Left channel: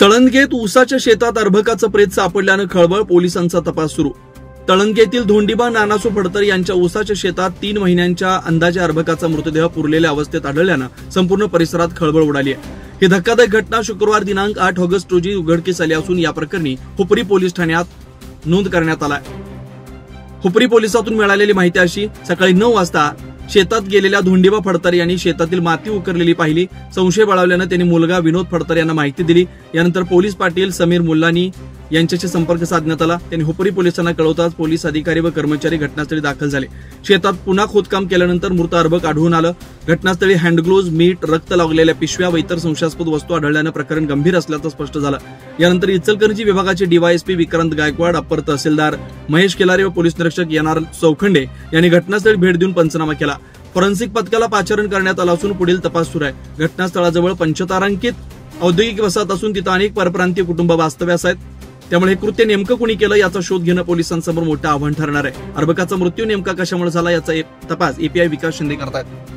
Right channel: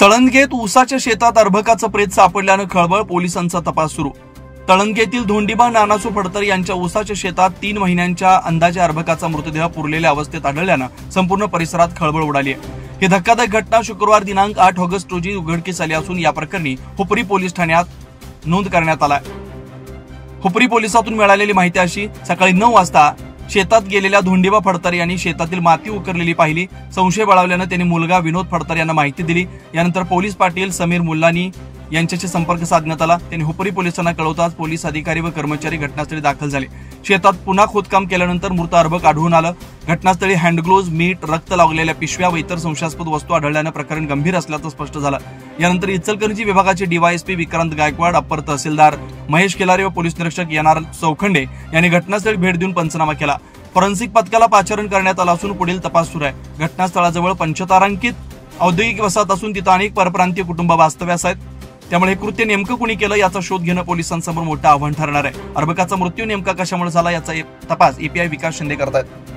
तळंगेत ऊसाच्या शेतात अर्भकाचं प्रेत सापडल्यानं खळबळ, पोलिसांचा तपास सुरू। तळंगेतील धोंडीबा नानासू फडतर यांच्या ऊसाच्या शेतात 3 महिन्यांच्या अंदाजे अर्भकाचा मृतदेह पुरलेल्या अवस्थेत आढळल्यानं संपूर्ण परिसरात खळबळ उडाली आहे। ही धक्कादायक घटना शुक्रवार दिनांक 8 ऑगस्ट रोजी उघडकीस आली असून या प्रकरणी हुपरी पोलीस ठाण्यात नोंद करण्यात आला आहे। हुपरी पोलिसातून मिळालेली माहिती अशी, सकाळी 9 वाजता शेतात गेलेल्या धोंडीबा फडतर यांनी शेतातील माती उकरलेली पाहिली। संशय बळावल्यानं त्यांनी मुलगा विनोद फडतर यांना माहिती दिली। यानंतर पोलीस पाटील समीर मुल्लानी यांच्याशी संपर्क साधण्यात आला। त्यांनी हुपरी पोलिसांना कळवताच पोलीस अधिकारी व कर्मचारी घटनास्थळी दाखल झाले। शेतात पुन्हा खोदकाम केल्यानंतर मृत अर्भक आढळून आलं। घटनास्थळी हँडग्लोव्ज, मीठ, रक्त लागलेल्या पिशव्या व इतर संशयास्पद वस्तू आढळल्यानं प्रकरण गंभीर असल्याचं स्पष्ट झालं। यानंतर इचलकरंजी विभागाचे डीवायएसपी विक्रांत गायकवाड, अप्पर तहसीलदार महेश केलारे व पोलीस निरीक्षक एनआर चौखंडे यांनी घटनास्थळी भेट देऊन पंचनामा केला। फॉरेन्सिक पथकाला पाचारण करण्यात आलं असून पुढील तपास सुरू आहे। घटनास्थळाजवळ पंचतारांकित औद्योगिक वसाहत असून तिथं अनेक परप्रांतीय कुटुंब वास्तव्यास आहेत। त्यामुळे हे कृत्य नेमकं कुणी केलं याचा शोध घेणं पोलिसांसमोर मोठं आव्हान ठरणार आहे। अर्भकाचा मृत्यू नेमका कशामुळे झाला याचा तपास एपीआय विकास शिंदे करतायत।